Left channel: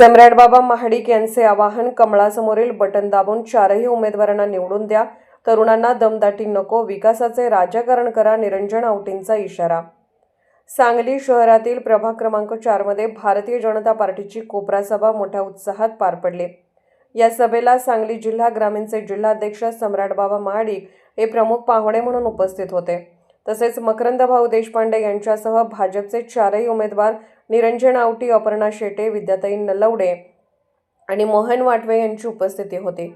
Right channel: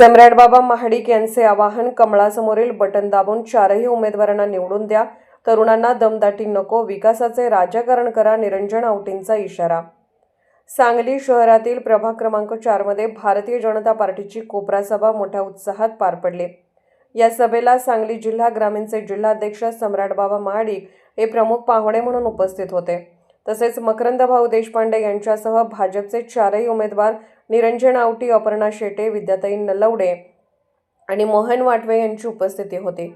सम्राटबाबा महाडिक यांचे आवाहन, कमळासमोरील बटन दाबून चारही उमेदवारांना निवडून द्या. तरुणांना दमदाटी नको, विकासाचे राजकारण करा. निरंजन आवटींचा इशारा. सांगली शहरातील प्रभाग क्रमांक 4 मध्ये भारतीय जनता पार्टीची कोपरा सभा मोठ्या उत्साहात पार पडली. या सभेला सांगली जिल्हा ग्रामीणचे जिल्हाध्यक्ष सम्राटबाबा महाडिक हे प्रमुख पाहुणे म्हणून उपस्थित होते. तसेच मकरंद भाऊ देशपांडे यांच्यासह भाजपचे चारही उमेदवार निरंजन आवटी, अपर्णा शेटे, विद्याताई नलवडे आणि मोहन वाटवे यांची उपस्थिती होती.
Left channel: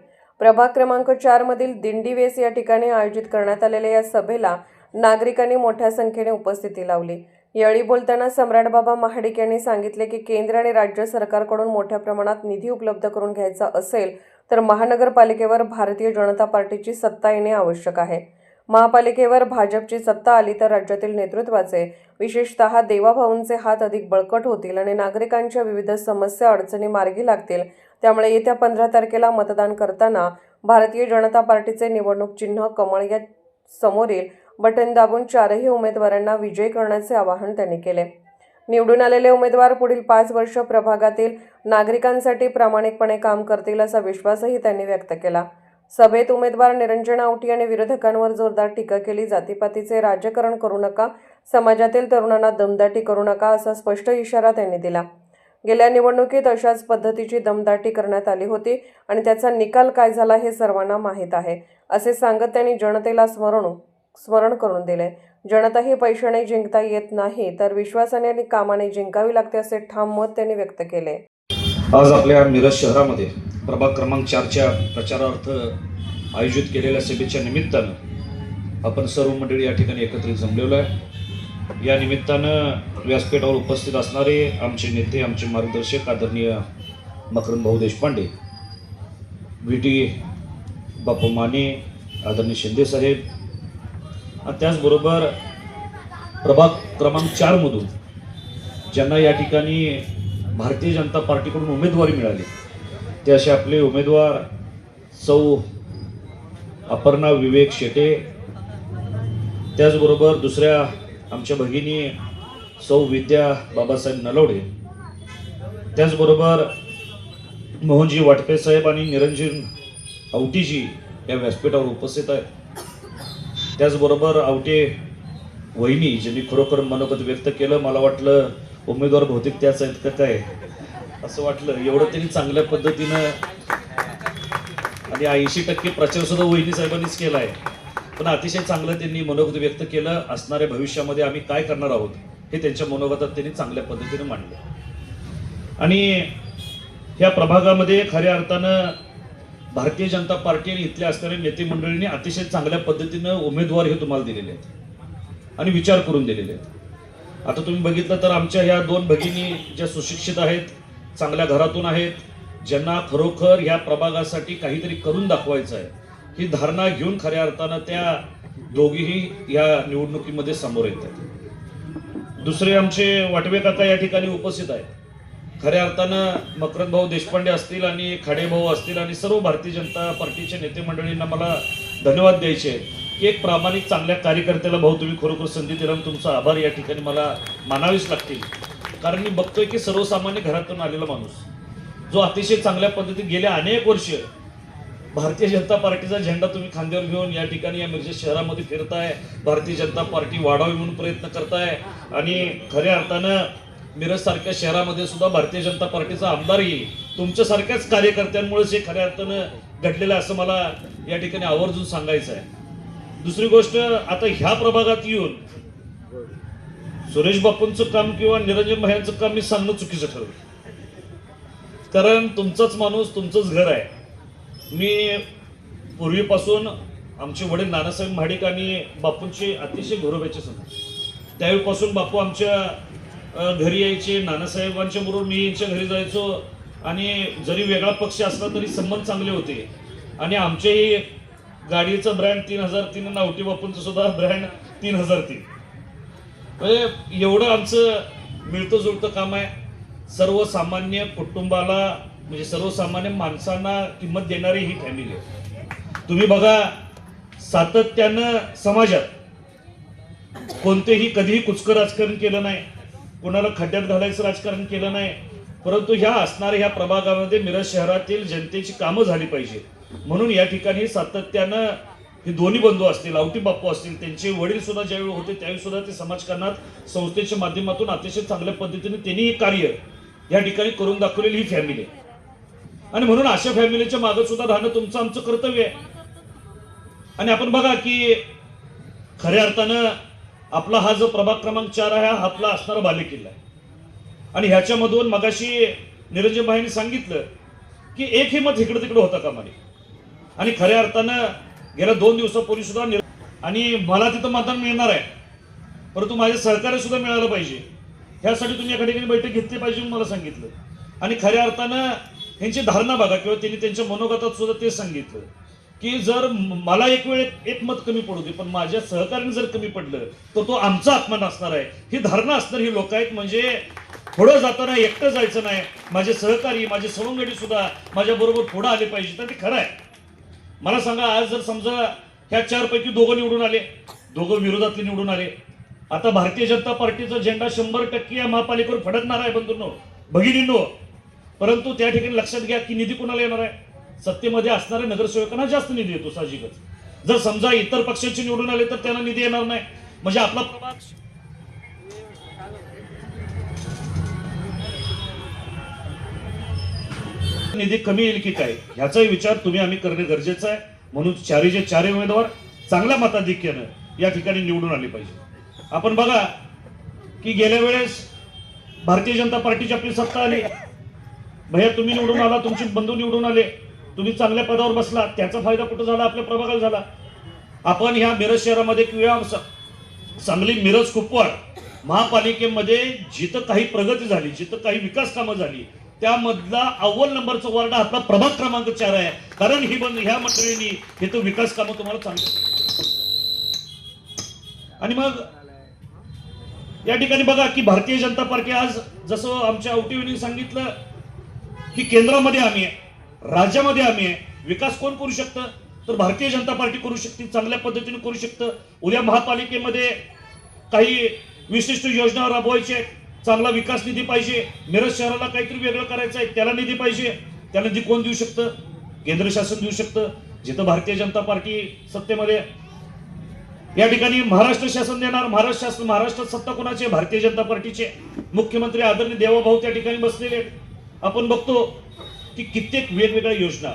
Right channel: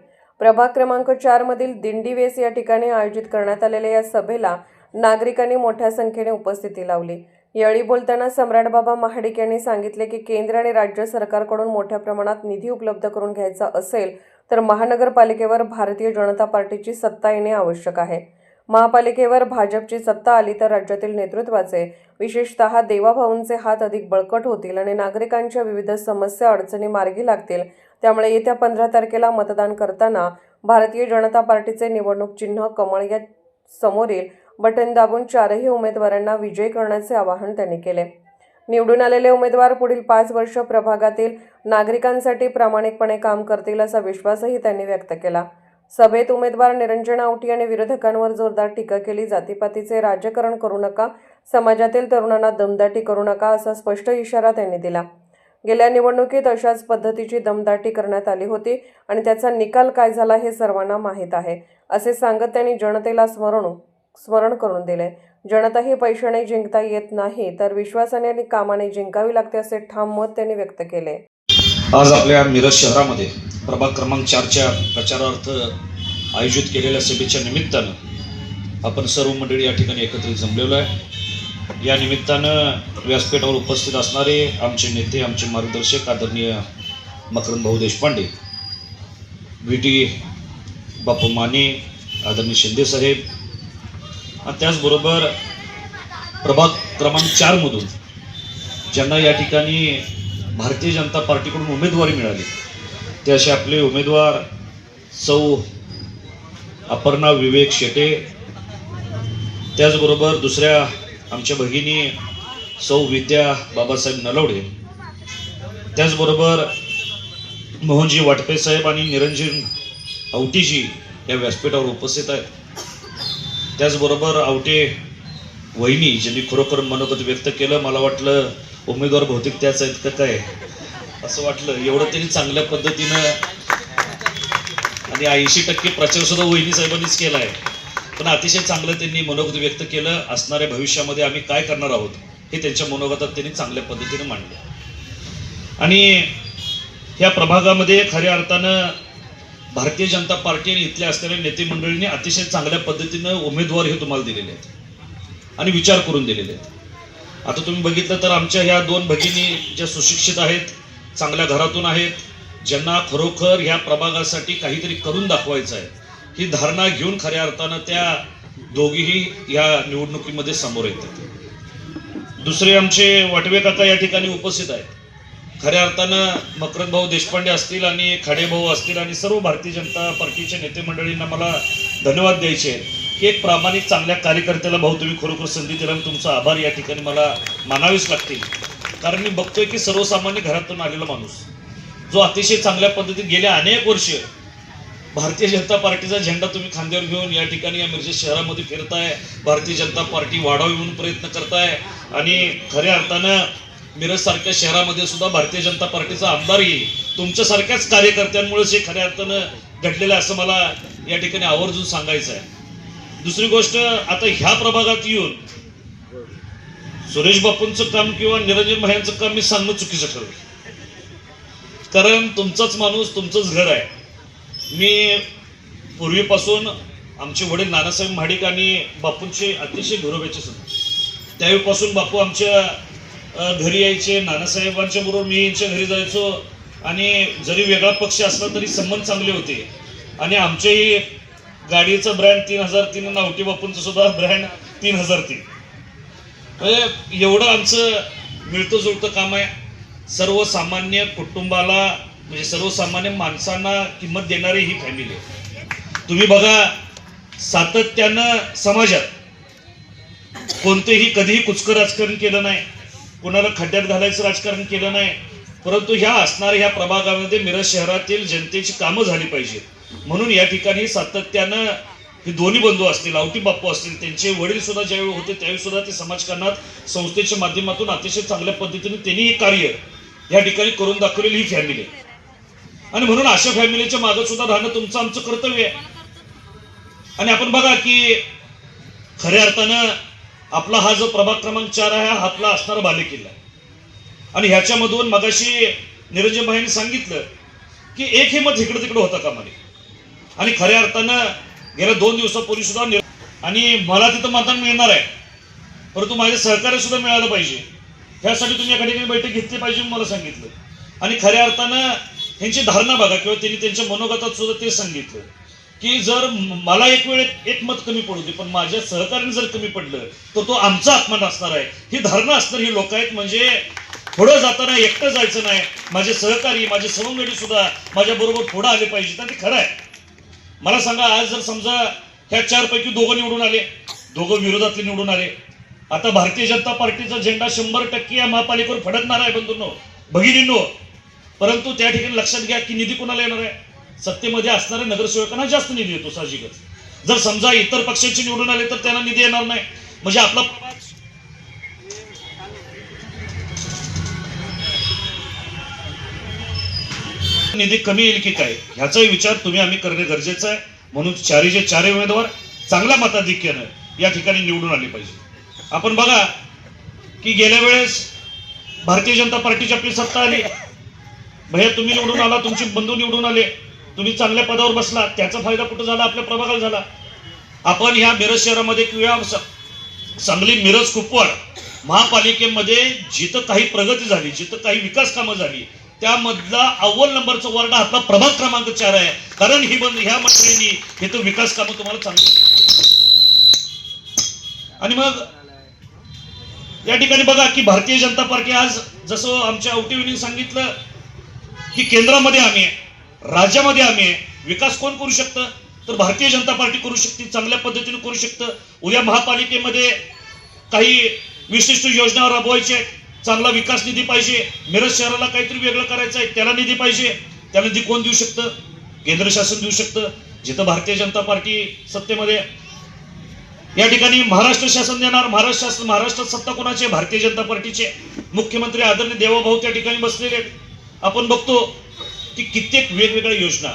प्रभाग क्रमांक 4 मधील दिंडीवेस या ठिकाणी आयोजित करण्यात आलेल्या या सभेला नागरिकांनी मोठ्या संख्येने उपस्थिती लावली. यावेळी बोलताना सम्राटबाबा महाडिक यांनी सांगितले की केंद्र आणि राज्य सरकारकडून मोठ्या प्रमाणात निधी उपलब्ध करून घ्यायचा असेल तर महानगरपालिकेवर भारतीय जनता पार्टीची सत्ता येणे आवश्यक आहे. महापालिकेवर भाजपची सत्ता आली तर राज्यातील नेतृत्वाचे, विशेषतः देवाभाऊंचे हात अधिक बळकट होतील आणि नागरिकांच्या विविध समस्या अडचणी मार्गी लागतील. त्यामुळे येत्या 15 तारखेला मतदान करताना भारतीय जनता पार्टीचे निवडणूक चिन्ह कमळ या समोरील बटन दाबून चारही उमेदवारांना विजयी करण्याचे आवाहन त्यांनी केले. निवडून आलेले उमेदवार पुढील 5 वर्ष प्रभागातील नागरिकांसाठी प्रामाणिकपणे काम करतील असा विश्वासही त्यांनी व्यक्त केला. सभेत उमेदवार निरंजन आवटी आणि विरोधकांवर जोरदार टीका केली. जातीपातीचे राजकारण करू नका, समाजातील तरुणांना दमदाटी करू नका असा स्पष्ट इशारा त्यांनी दिला. गेल्या निवडणुकीत अशाच पद्धतीची दमदाटी करण्यात आली होती आणि त्याचा निकाल काय झाला हे सर्वांना माहीत आहे असे सांगत त्यांनी जनतेला स्मरण करून दिले. जनता ही पैशाने जिंकता येत नाही तर विश्वासाने आणि कामाने जिंकावी लागते असे ठाम मत त्यांनी व्यक्त केले. आज आपल्या मिरज शहरामध्ये प्रभाग क्रमांक 4च्या प्रचारार्थ आयोजित केलेल्या सभेच्या निमित्तानं आपण सर्व मंडळी या ठिकाणी एकत्रित जमलेलो आहे. या निमित्तानं व्यासपीठावर उपस्थित असणारे आमचे नेते, आमचे मार्गदर्शक आदरणीय मकरंद भाऊ देशपांडे, VT बापू माने, आदरणीय शिंदे साहेब, आणि त्याचबरोबर प्रभाग क्रमांक 4 मधून ज्यांना या ठिकाणी भारतीय जनता पार्टीकडून उमेदवारी मिळाली ते असे आपले उमेदवार सौ अपर्णा विवेक शेटे, त्याचबरोबर दुसऱ्या आमच्या भगिनी सौ विद्या बाबासाहेब नलवडे, त्याचबरोबर मोहनजी वाटपे साहेब आणि निरंजन आवटीजी या व्यासपीठावर उपस्थित आहेत. त्याचबरोबर आवटे वहिनी ज्यांनी खरोखर मनोगत व्यक्त केलं. मला वाटलं उमेदवार बहुतेक त्याच आहेत का काय असं वाटलं, एवढं त्यांनी चांगल्या पद्धतीनं आणि 80% प्रचार सुद्धा वहिनी साहेबांनीच केला आहे. पण अतिशय चांगलं त्यांनी मनोगत व्यक्त केलं. असणाऱ्या भविष्यामध्ये आम्ही काय करणार आहोत हे त्यांच्या मनोगतात त्यांनी चांगल्या पद्धतीने मांडलं. आणि ह्या प्रभागामध्ये खऱ्या अर्थानं भारतीय जनता पार्टी आणि इथल्या असणाऱ्या नेते मंडळींनी अतिशय चांगल्या पद्धतीनं उमेदवार हे तुम्हाला दिलेले आहेत आणि विचार करून दिलेले आहेत. आता तुम्ही बघितलं तर आमच्या ह्या 2 भगिनी ज्या सुशिक्षित आहेत, चांगल्या घरातून आहेत, ज्यांना खरोखर ह्या प्रभागासाठी काहीतरी करून दाखवायचं आहे ही धारणा घेऊन खऱ्या अर्थानं त्या दोघीही या निवडणुकीमध्ये समोर येतात. दुसरे आमचे वाटवे काका या ठिकाणी उपस्थित आहेत. खऱ्या अर्थानं मकरंद भाऊ देशपांडे असतील आणि खाडे भाऊ असतील आणि सर्व भारतीय जनता पार्टीच्या नेते मंडळींना मला धन्यवाद द्यायचे की एक प्रामाणिक चांगल्या कार्यकर्त्याला भाऊ तुम्ही खरोखर संधी दिला आणि तुमचा आभार या ठिकाणी मला मानावेच लागतील. कारण मी बघतोय की सर्वसामान्य घरातून आलेला माणूस जो अतिशय चांगल्या पद्धतीने गेल्या अनेक वर्ष भारतीय जनता पार्टीचा झेंडा तुम्ही खांद्यावर घेऊन या ठिकाणी या मिरज शहरामध्ये फिरताय, भारतीय जनता पार्टी वाढावी म्हणून प्रयत्न करताय आणि खऱ्या अर्थानं मिरज सारख्या शहरामध्ये सुद्धा भारतीय जनता पार्टीचा आमदारही तुमच्यासारख्याच कार्यकर्त्यांमुळेच हे खऱ्या अर्थानं घडलेलं असं मला या ठिकाणी आवर्जून सांगायचं आहे. दुसरी गोष्ट, आता ह्या प्रभागात येऊन सुरेश बापूंचं काम किंवा निरंजन भाईंचं काम मी सांगणं चुकीचं ठरवलं. कारण तुमचाच माणूस, तुमचंच घर आहे. मी पूर्वीपासून आमचे वडील नानासाहेब महाडिक आणि बापूंचे अतिशय घरोब्याचे सण, त्यावेळीपासून बापू आमच्या घरी यायचे, नानासाहेबांच्या बरोबर मी यांच्या घरी जायचो आणि जरी वेगळा पक्ष असला तरी संबंध चांगले होते. आणि आमच्याही गाडीचा ब्रँड 3003 आणि आवटी बापूंचं सुद्धा ब्रँड 3003. म्हणजे एवढं आमचं मिळतं जुळतं काम आहे. सर्वसामान्य कुटुंबाला म्हणजे सर्वसामान्य माणसांना किंमत देणारी ही फॅमिली आहे. तुम्ही बघा, सातत्यानं समाजात कोणतेही कधीही कुचकं राजकारण केलं नाही, कोणाला खड्ड्यात घालायचं राजकारण केलं नाही. परंतु ह्या असणाऱ्या ह्या प्रभागामध्ये मिरज शहरातील जनतेची कामं झाली पाहिजेत म्हणून या ठिकाणी सातत्यानं हे दोन्ही बंधू असतील, आवटी बाप्पू असतील, त्यांचे वडील सुद्धा ज्यावेळी होते त्यावेळी सुद्धा ते समाजकारणात संस्थेच्या माध्यमातून अतिशय चांगल्या पद्धतीने त्यांनी हे कार्य या ठिकाणी करून दाखवलेली ही फॅमिली आहे. आणि म्हणून अशा फॅमिलीच्या मागे सुद्धा राहणं तुमचं आमचं कर्तव्य आहे. आणि आपण बघा की खऱ्या अर्थानं आपला हा जो प्रभाग क्रमांक 4 आहे हा आपला असणारा बालेकिल्ला आहे. आणि ह्याच्यामधून मगाशी निरंजन भाईंनी सांगितलं की एकही मत इकडे तिकडे होता कामा नये. आणि खऱ्या अर्थानं गेल्या 2 दिवसापूर्वी सुद्धा आणि मला तिथं मतदान मिळणार आहे, परंतु माझे सहकार्य सुद्धा मिळालं पाहिजे. ह्यासाठी तुम्ही एका ठिकाणी बैठक घेतली पाहिजे मला सांगितलं. आणि खऱ्या अर्थानं त्यांची धारणा बघा किंवा त्यांनी त्यांच्या मनोगतात सुद्धा ते सांगितलं की जर मला एक वेळ एक मत कमी पडू दे पण माझ्या सहकार्याने जर कमी पडलं तर तो आमचा अपमान असणार आहे. ही धारणा असणार ही लोक आहेत. म्हणजे पुढं जाताना एकटं जायचं नाही, माझे सहकारी माझे सवंगडी सुद्धा माझ्या बरोबर पुढे आले पाहिजेत. आणि ते खरं आहे. मला सांगा आज जर समजा ह्या 4 पैकी 2 निवडून आले, 2 विरोधातले निवडून आले, आता भारतीय जनता पार्टीचा झेंडा 100% या महापालिकेवर फडकणार आहे बंधूंनो भगिनींनो. परंतु त्या ठिकाणी लक्षात घ्या की निधी कोणाला येणार आहे? सत्तेमध्ये असणाऱ्या नगरसेवकांना जास्त निधी येतो साहजिकच. जर समजा इतर पक्षाचे निवडून आले तर त्यांना निधी येणार नाही. म्हणजे आपला निधी कमी येईल की काय ह्याचाही विचार तुम्ही आम्ही करणे गरजेचं आहे. म्हणून 4 उमेदवार चांगल्या मताधिक्यानं या ठिकाणी निवडून आले पाहिजे. आपण बघा की गेल्या वेळेस भारतीय जनता पार्टीची आपली सत्ता आली, भैया तुम्ही निवडून आला, तुमचे बंधू निवडून आले, तुम्ही चांगल्या पदावर बसला, त्याचा फायदा कुठं झाला? आपल्या प्रभागाला झाला. आपण ह्या मिरज शहरामध्ये किंवा सांगली मिरज कुपवाड महापालिकेमध्ये जिथं काही प्रगती झाली, जिथं काही विकास कामं झाली त्यामधला अव्वल नंबरचा वार्ड आपला प्रभाग क्रमांक 4 आहे. कारण ही ह्या मंडळींनी इथं विकास कामं तुम्हाला चांगली. आणि मग या ठिकाणी बघा की भारतीय जनता पार्टी आज जसं आमच्या औटीवनी सांगितलं की केंद्रामध्ये आम्ही आहे, राज्यामध्ये आम्ही आहे. विकास कोण करू शकतं? तर भारतीय जनता पार्टी करू शकते, चांगल्या पद्धतीने करू शकतं. उद्या महापालिकेमध्ये काही विशिष्ट योजना राबवायच्या आहेत, चांगला विकास निधी पाहिजे, मिरज शहराला काहीतरी वेगळं करायचं आहे त्याला निधी पाहिजे. त्याला निधी कोण देऊ शकतं? केंद्र शासन देऊ शकतं. जिथं भारतीय जनता पार्टी सत्तेमध्ये या ठिकाणी महाराष्ट्र शासन देणार. महाराष्ट्रात सत्ता कोणाची? भारतीय जनता पार्टीचे. मुख्यमंत्री आदरणीय देवाभाऊ त्या ठिकाणी बसलेले आहेत. आपण बघतो की कित्येक वेगवेगळ्या योजना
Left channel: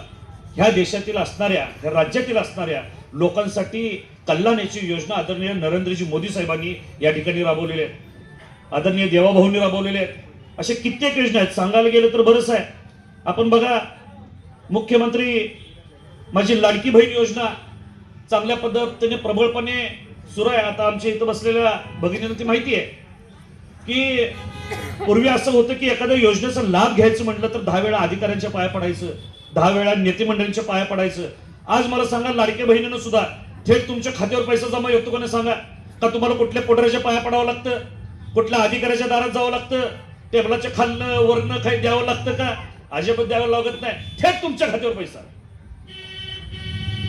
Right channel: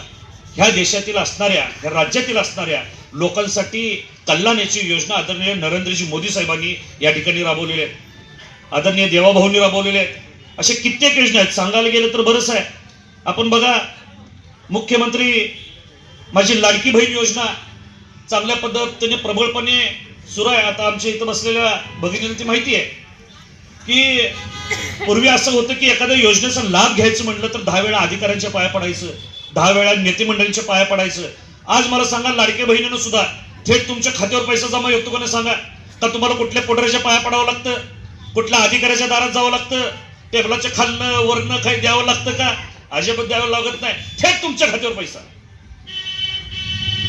ह्या देशातील असणाऱ्या ह्या राज्यातील असणाऱ्या लोकांसाठी कल्याणाची योजना आदरणीय नरेंद्रजी मोदी साहेबांनी या ठिकाणी राबवलेल्या आहेत, आदरणीय देवाभाऊंनी राबवलेले आहेत. असे कित्येक योजना आहेत, सांगायला गेलं तर बरंच आहे. आपण बघा मुख्यमंत्री माझी लाडकी बहीण योजना चांगल्या पद्धतीने प्रबळपणे सुरू आहे. आता आमच्या इथं बसलेल्या भगिनींना ती माहिती आहे की पूर्वी असं होतं की एखाद्या योजनेचा लाभ घ्यायचं म्हटलं तर 10 वेळा अधिकाऱ्यांच्या पाया पडायचं, 10 वेळा नेते मंडळींच्या पाया पडायचं. आज मला सांगा लाडक्या बहिणीनं सुद्धा थेट तुमच्या खात्यावर पैसा जमा होतो का? नाही सांगा. का तुम्हाला कुठल्या पोटऱ्याच्या पाया पडावं लागतं? कुठल्या अधिकाऱ्याच्या दारात जावं लागतं? टेबलाच्या खालनं वरनं काही द्यावं लागतं का? अजिबात द्यावं लागत नाही. थेट तुमच्या खात्यावर पैसा.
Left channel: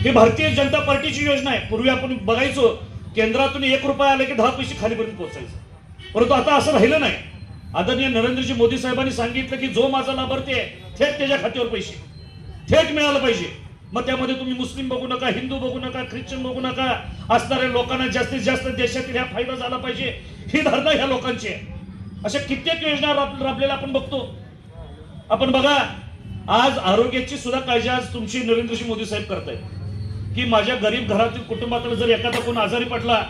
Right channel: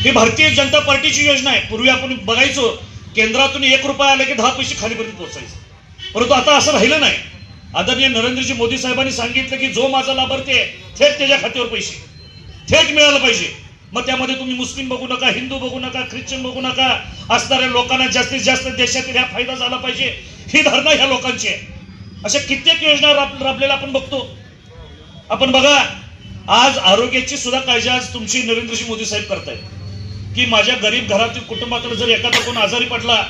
ही भारतीय जनता पार्टीची योजना आहे. पूर्वी आपण बघायचो केंद्रातून 1 रुपया आला की 10 पैसे खालीपर्यंत पोहोचायचे, परंतु आता असं राहिलं नाही. आदरणीय नरेंद्रजी मोदी साहेबांनी सांगितलं की जो माझा लाभार्थी आहे थेट त्याच्या खात्यावर पैसे थेट मिळालं पाहिजे. मग त्यामध्ये तुम्ही मुस्लिम बघू नका, हिंदू बघू नका, ख्रिश्चन बघू नका, असणाऱ्या लोकांना जास्तीत जास्त देशातील ह्या फायदा झाला पाहिजे ही धारणा ह्या लोकांची आहे. अशा कित्येक योजना राबलेल्या आपण बघतो. आपण बघा आज आरोग्याची सुद्धा काळजी आज तुमची नरेंद्रजी मोदी साहेब करतायत की माझ्या गरीब घरातील कुटुंबाकडे जर एखादा कोण आजारी पडला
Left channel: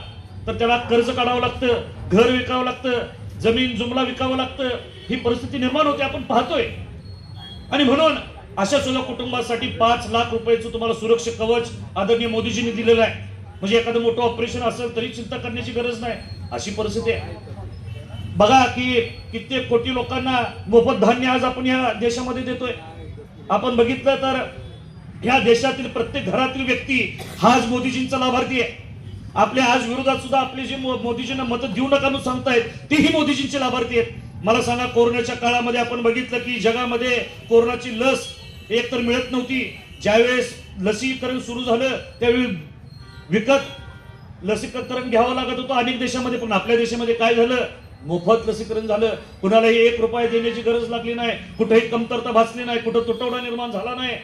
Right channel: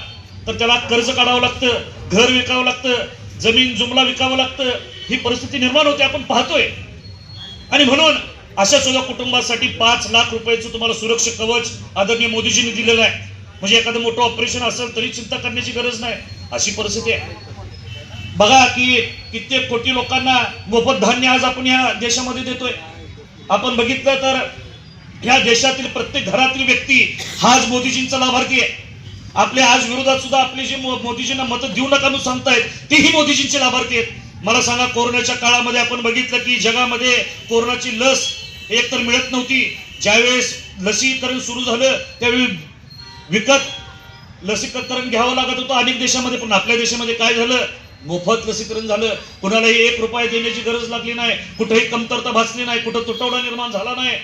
तर त्याला कर्ज काढावं लागतं, घर विकावं लागतं, जमीन जुमला विकावं लागतं. ही परिस्थिती निर्माण होते, आपण पाहतोय. आणि म्हणून अशा सुद्धा कुटुंबासाठी 5 लाख रुपयाचं तुम्हाला सुरक्षा कवच आदरणीय मोदीजींनी दिलेलं आहे. म्हणजे एखादं मोठं ऑपरेशन असेल तरी चिंता करण्याची गरज नाही, अशी परिस्थिती आहे. बघा की कित्येक कोटी लोकांना मोफत धान्य आज आपण या देशामध्ये देतोय. आपण बघितलं तर या देशातील प्रत्येक घरातील व्यक्ती हाच मोदीजींचा लाभार्थी आहे. आपल्या आज विरोधात सुद्धा आपले जे मोदीजींना मतं देऊ नका म्हणून सांगतायत तेही मोदीजींचे लाभार्थी आहेत. मला सांगा कोरोनाच्या काळामध्ये आपण बघितलं की जगामध्ये कोरोनाची लस एकतर मिळत नव्हती. ज्यावेळेस लसीकरण सुरू झालं त्यावेळी विकत लसीकरण घ्यावं लागत होतं अनेक देशामध्ये. पण आपल्या देशामध्ये काय झालं मोफत लसीकरण झालं, कुणालाही 1 रुपया देण्याची गरज लागली नाही, कुठेही कमतरता भासली नाही, कुठं तुटवडा निर्माण झाला नाही.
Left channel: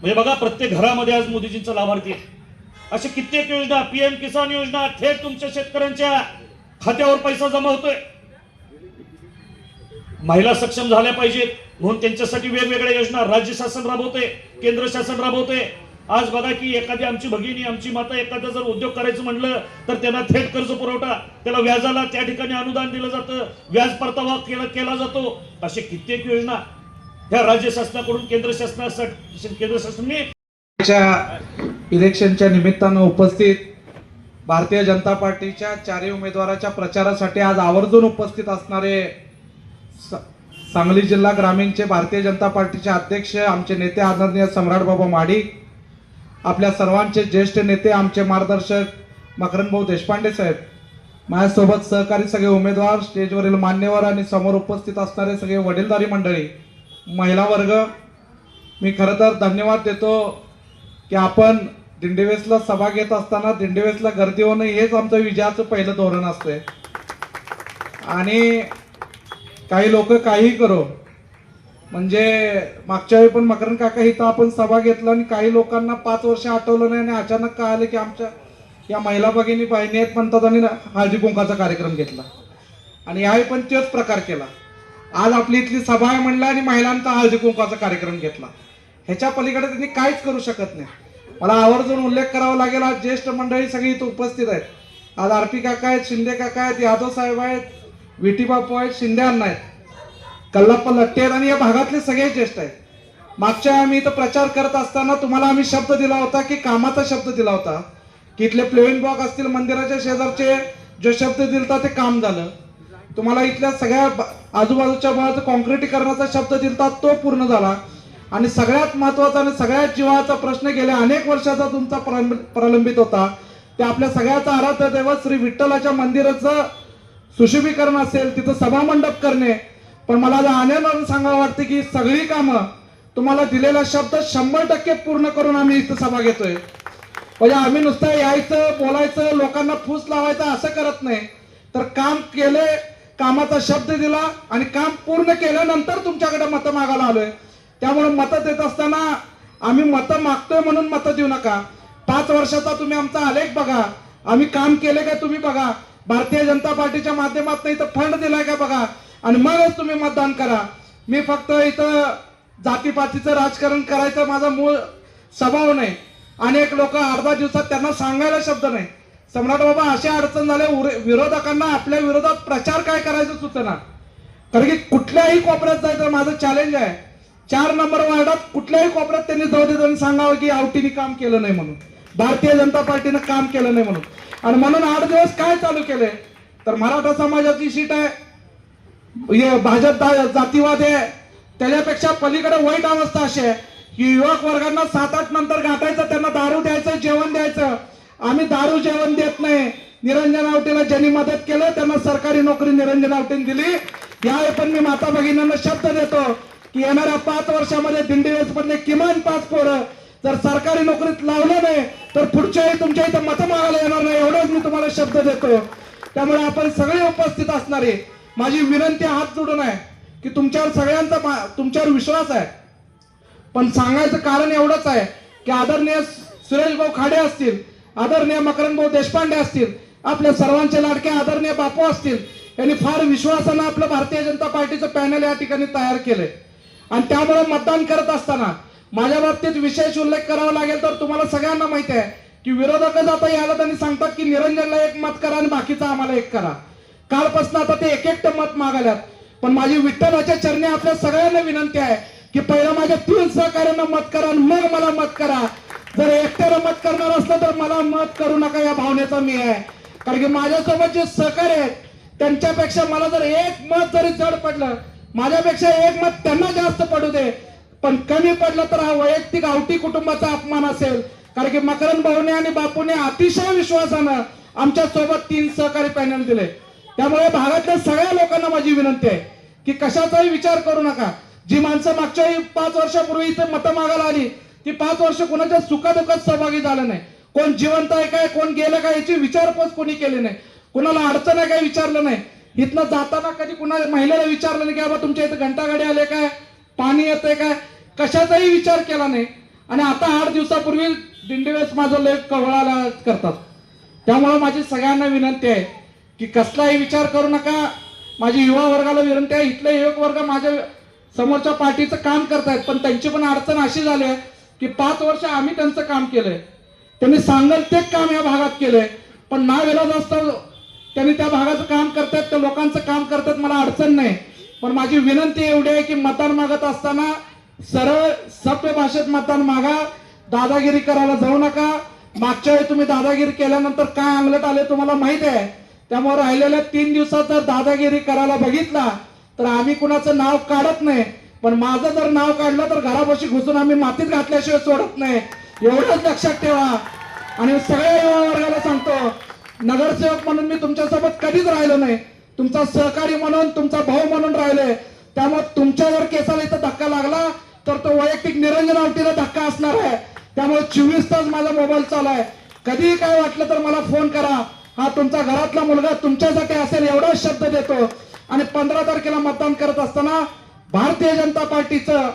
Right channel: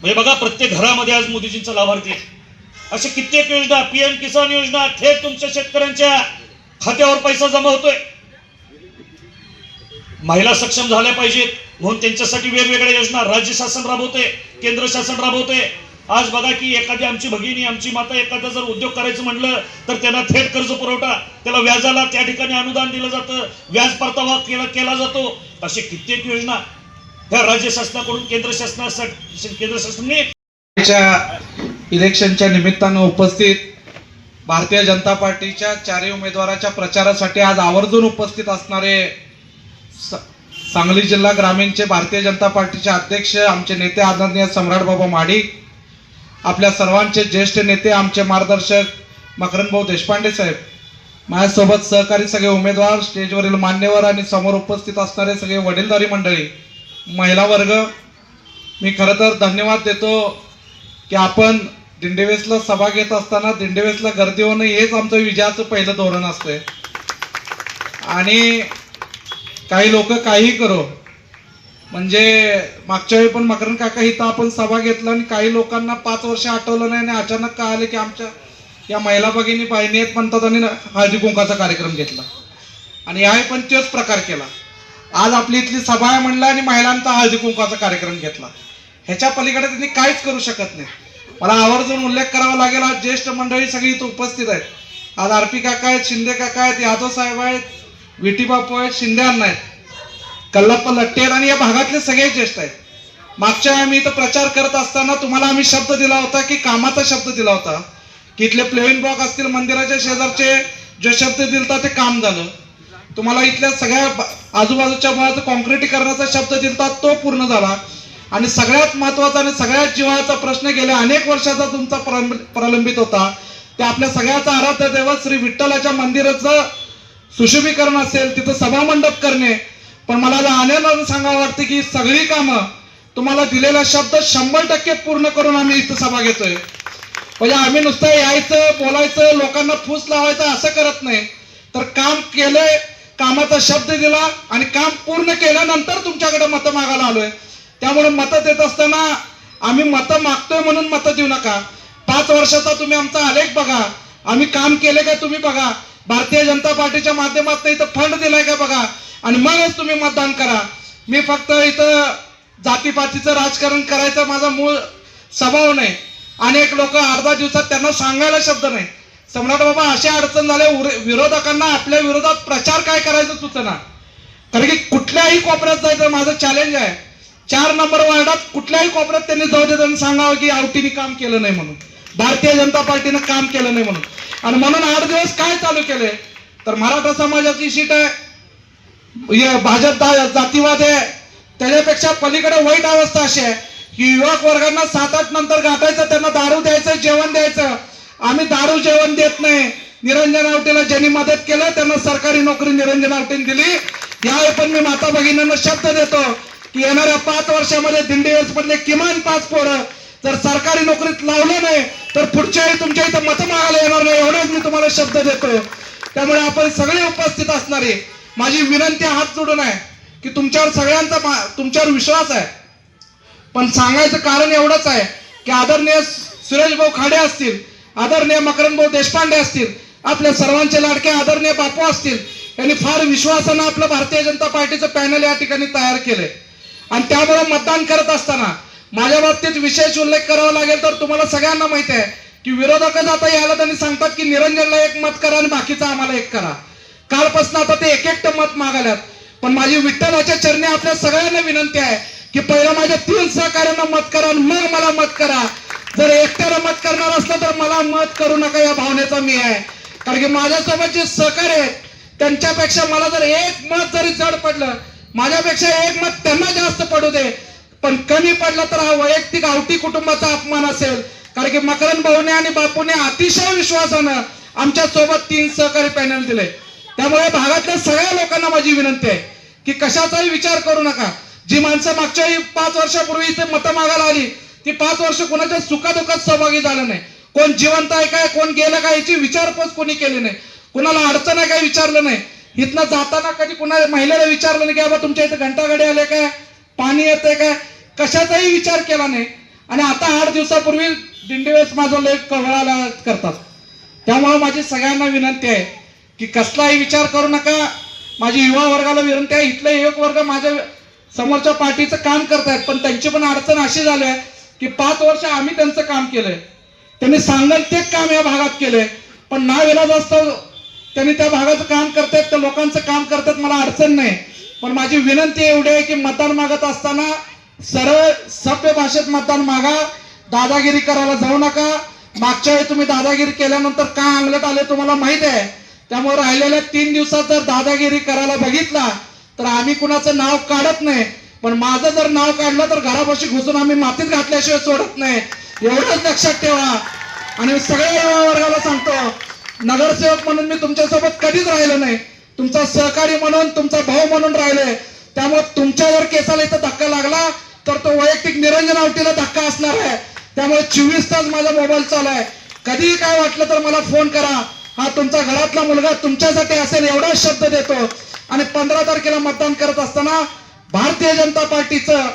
म्हणजे बघा, प्रत्येक घरामध्ये आज मोदीजींचा लाभार्थी आहे. असे कित्येक योजना, PM किसान योजना थेट तुमच्या शेतकऱ्यांच्या खात्यावर पैसा जमा होतोय. महिला सक्षम झाल्या पाहिजेत म्हणून त्यांच्यासाठी वेगवेगळ्या योजना राज्य शासन राबवते, केंद्र शासन राबवते. आज बघा की एखादी आमची भगिनी, आमची माता एखादा जर उद्योग करायचं म्हणलं तर त्यांना थेट कर्ज पुरवठा, त्याला व्याजाला त्या ठिकाणी अनुदान दिलं जातं, व्याज परतावा केला जातो. असे कित्येक योजना ह्या राज्य शासनाकडून केंद्र शासनाने इलेक्शनच्या निमित्तानं उपस्थित भारतीय जनता पार्टीच्या 4 उमेदवाराच्या प्रचारासाठी आज आवर्जून उपस्थित असणारे सांगली जिल्हा ग्रामीणचे भारतीय जनता पार्टीचे अध्यक्ष, आमचे नेते आदरणीय सम्राट बाबा महाडिक, आपल्या सर्वांचे ज्येष्ठ नेते, आमचे मार्गदर्शक मकरंदभाऊ देशपांडे साहेब, माझ्यासोबत सहकारी सगळे उमेदवार, स्टेजवरील मान्यवर आणि समोर उपस्थित असणारे सगळे वडीलधारी मंडळी, महिला वर्ग, मी खरं तर धन्यवाद देतो की आपण दिंडीवेसला सभा घेत असताना दिंडीवेसला गर्दी होणं हेच आमचं विजयाचं पहिलं धोरण असतंय. आणि काही लोक काही करो, म्हणजे मागच्या वेळी पण मकरंद काका इथं आपण सभा घेतला आणि काही लोकांना 5 वर्ष आठवलं नाही आणि अचानक कळालं की आमच्या या महिला भगिनी बहिणी आहेत म्हणतात आणि हळदी कुंकाचा कार्यक्रम घेतला. आणि याही पण तोच प्रकार केला. आज आपली इथली सभा आहे म्हणला आणि महिलांचा हळदी कुंकाचा कार्यक्रम घेतला. ह्याच्या पलीकडे त्यांनी काहीच करू शकत नाही. मला आवर्जून उल्लेख करावा लागेल, आज ज्येष्ठ मंडळी सगळी इथं उपस्थित आहेत. आज RP काका आहेत, शिंदे काका आहेत, यादव साहेब आहेत, विटी बापू आहेत, शिंदे अण्णा आहेत, कल्लप्पा लट्टे आहेत आणि या भागातले सगळे ज्येष्ठ आहेत. मागच्या आम्ही इथं प्रचार करत असताना तुम्हाला आम्ही शब्द दिला होता की कामाचा शब्द दिला होता की इथले प्लेन ब्लॉक असतील, मंदिराच्या शेजारचे जो शब्द दिलता ते काम झालं. तुम्हाला इथल्या सगळ्या आजूबाजूच्या भागाचं कॉन्क्रिटीकरणाचा शब्द दिलता तो पूर्ण झाला. आणि सगळ्यात महत्वाचा आणि सगळ्यात जीवाचा प्रश्न गेल्या अनेक वर्षाचा तुमचा प्रलंबित होता, ते आपल्या सगळ्याचा आराध्य दैवत श्री विठ्ठलाच्या मंदिराचं सुशोभीकरण असेल, तिथं सभामंडप करणे. पण मला आनंदाने सांगावं वाटतं की सगळी कामं तुम्हाला दिलेला शब्द 100% पूर्ण करून आम्ही इथं सभा घेतोय. म्हणजे आम्ही नुसतं यायचं, बोलायचं, लोकांना फूस लावायचं असं करत नाही, तर काम केलंय, कामाचा शब्द दिला आणि काम पूर्ण केल्यानंतर तुमच्याकडे मतं मागायला आलोय. त्यामुळे मतं देत असताना आम्ही मतं मागतोय म्हणून मतं देऊ नका. 5 वर्षाचा तुम्ही आमचा आलेख बघा, आम्ही काम केले का तुम्ही बघा, भारतीय जनता पार्टीच्या माध्यमातून इथं फंड दिलाय का बघा आणि मगच तुम्ही मतदान करा. मी फक्त इथं जातीपातीचं राजकारण करायचा माझा मूळ स्वभाव नाही. अनेक लोक अर्धा दिवसात त्यांना सांगायला शब्द नाही. सम्राट बाबा, अशा अडचण झाले, विरोधकांना आपल्या विरोधात प्रचार काय करायचं सुचना. कारण की कुठल्याही कोपऱ्यात जायचं माझं चॅलेंज आहे. 4 नंबर वार्डात कुठल्याही कोपऱ्यात त्यांनी जाऊ देत आणि सांगावं की आवटीने काम केलं नाही म्हणून, भारतीय जनता पार्टीनं काम केलं नाही म्हणून. आणि म्हणून 8 दिवस काय चालू केलंय तर मराठा समाजाची सीट आहे, भाजप जातीवाद आहे, त्याच्यापेक्षा पलीकडे वाईट अवस्था अशी आहे की युवक वर्गांना 7-8 नंतर गाठायचं, त्यांना दारू द्यायचं, जेवण द्यायचं. आम्ही दारू जेवण देत नाही. निरंजन आवटेला ज्यांनी मदत केलं त्यांना सरकारी नोकरी निरंजन आवटेने दिली. यावेळी पण मी माता भगिनींना शब्द देतो की येणाऱ्या 5 वर्षामध्ये दिंडीवेस मधले किमान 5 पोरं जर सरकारी नोकरीत लावलं नाही तर पुढच्या वेळी तुमच्या इथं मतं मागायला येणार नाही, एवढंच मी तुम्हाला शब्द देतो. त्यामुळे आपण सगळे उपस्थित असणारे माझी विनंती हात जोडून आहे की तुमच्यावर सगळ्यांचा तुमच्यावर विश्वास आहे. पण सांगायचं कारण एवढंच आहे की आदरणीय सुरेश भाऊ खाडे असतील, आदरणीय मकरंदभाऊ देशपांडे असतील, आपल्या सर्वांचे लाडके आदरणीय बापू असतील, यांनी फार विश्वासानं आपलं भारतीय जनता पार्टीचं पॅनल या ठिकाणी तयार केलंय. आणि त्यामुळे मतदान करत असताना माझ्या बाबतीत विशेष उल्लेख करावा लागेल तर तुम्हाला सगळ्यांना माहिती आहे की विरोधक आता यायला त्यांनी सांगतात की निरंजनला 1 मत करा आणि बाकीचं आम्हाला 1 करा. कालपासून आता ते 1-1 मत मागाल्यात. पण माझी विठ्ठलाच्या चरणी आपल्या सगळ्यांना विनंती आहे की पहिला माझ्या 3 सहकार्यांना मत करा आणि मग मला मत करा. जर एकट्याला मत करणार असलं तर मला मत करू नका, या भावनेचा मी आहे. कारण की माझ्यासोबत जे सहकार्य आहेत त्यांच्यापेक्षा मला जर 1 मत जरी जड पडलं, माझ्यापेक्षा 1 मत त्यांना जास्त पडू दे, पण कमी पडलं तर हा वैयक्तिक आवटी कुटुंबाचा अपमान असेल. कारण की मकरंद भाऊने आणि बापूने अतिशय विश्वासानं आमच्या सोबत 3 सहकारी पॅनल दिले. त्यामुळे भागातल्या सगळ्या लोकांना माझी विनंती आहे की कशाचाही विचार करू नका. जी माणसं मागच्या 5 वर्षापूर्वी इथे मतं मागायला आली ती 5 वर्ष कोणाच्या सुखादुखात सहभागी झालं नाही. कोण जिवंत आहे काय, कोण गेलं काय याची विचारपूस कोणी केली नाही. कोणाला अडचण आहे काय विचारलं नाही. इथनं जाताना कधी कुणा महिलेला विचारलं नाही की बाबा तुमच्या इथं घंटागाडी आले काय, पाणी येते काय, कशाचाही विचार केला नाही. आणि आता 8 दिवसापूर्वी दिंडीवेळेस माझं लेख कवळाला करतात. त्यामुळे माझी सगळ्यांना विनंती आहे की कसलाही विचार करू नका. माझी युवा वर्गाला विनंती आहे, इथले युवक वर्ग माझ्या समोरच्या पार्टीचं काम करतायत, पण त्यांची पण अडचण अशी झाली आहे की 5 वर्ष आम्ही त्यांचं काम केलंय, त्यांनी सांगेल ते काम या भागात केलंय, पण नाविलाज असतं त्यांनी त्या भागाचं काम करतायत, त्या लोकांचं काम करतात, मला अडचण नाही. पण माझी विनंती एवढी आहे की मतदान मागत असताना सरळ सभ्य भाषेत मतदान मागा, दादागिरी करायला जाऊ नका. मागच्या वेळी तुम्ही दादागिरी केल्यानंतर काय अंगलट आले तुम्हाला माहित आहे. त्यामुळे राहिलेल्या 3 दिवसात जर दादागिरी करायला बघितला तर आम्ही कुणाचं नाव काढत नाही, पण माझं जर नाव काढलं तर घरापाशी घुसून आम्ही मातीत घातल्याशिवाय सोडत नाही, एवढंच लक्षात ठेवा. आणि सगळ्या युवा वर्गाला सांगतो, नगरसेवक म्हणून मी तुमच्यासोबत कधीच राहिलो नाही, तुमचा सहकारी म्हणून, तुमचा भाऊ म्हणून राहिलोय. त्यामुळे तुमच्या जर केसाला इथं धक्का लागला तर तो वैयक्तिक निरंजन आवटीला धक्का असणार आहे. त्यामुळे 24 तास माझा मोबाईल चालू आहे, कधीही काय वाटलं तर मला फोन करा. हा तुमचा घरातला मुलगा तुमच्यासाठी असेल एवढा शब्द देतो. आणि 15 तारखेला मतदान करत असताना भारतीय जनता पार्टीचं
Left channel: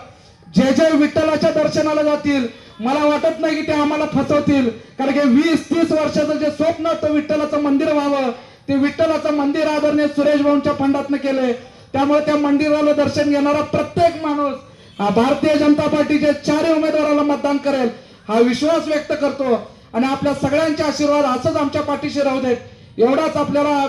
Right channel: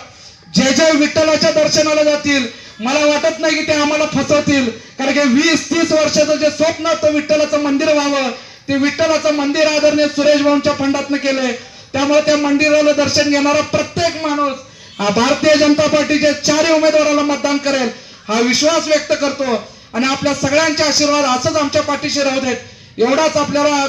जे जे विठ्ठलाच्या दर्शनाला जातील, मला वाटत नाही की ते आम्हाला फसवतील, कारण की 20-30 वर्षाचं जे स्वप्न होतं विठ्ठलाचं मंदिर व्हावं, ते विठ्ठलाचं मंदिर आदरणीय सुरेश भाऊंच्या फंडातनं केलंय. त्यामुळे त्या मंदिराला दर्शन घेणारा प्रत्येक माणूस हा भारतीय जनता पार्टीच्या 4 उमेदवाराला मतदान करेल हा विश्वास व्यक्त करतो. आणि आपल्या सगळ्यांचे आशीर्वाद असंच आमच्या पाठीशी राहू देत, एवढाच आपल्याला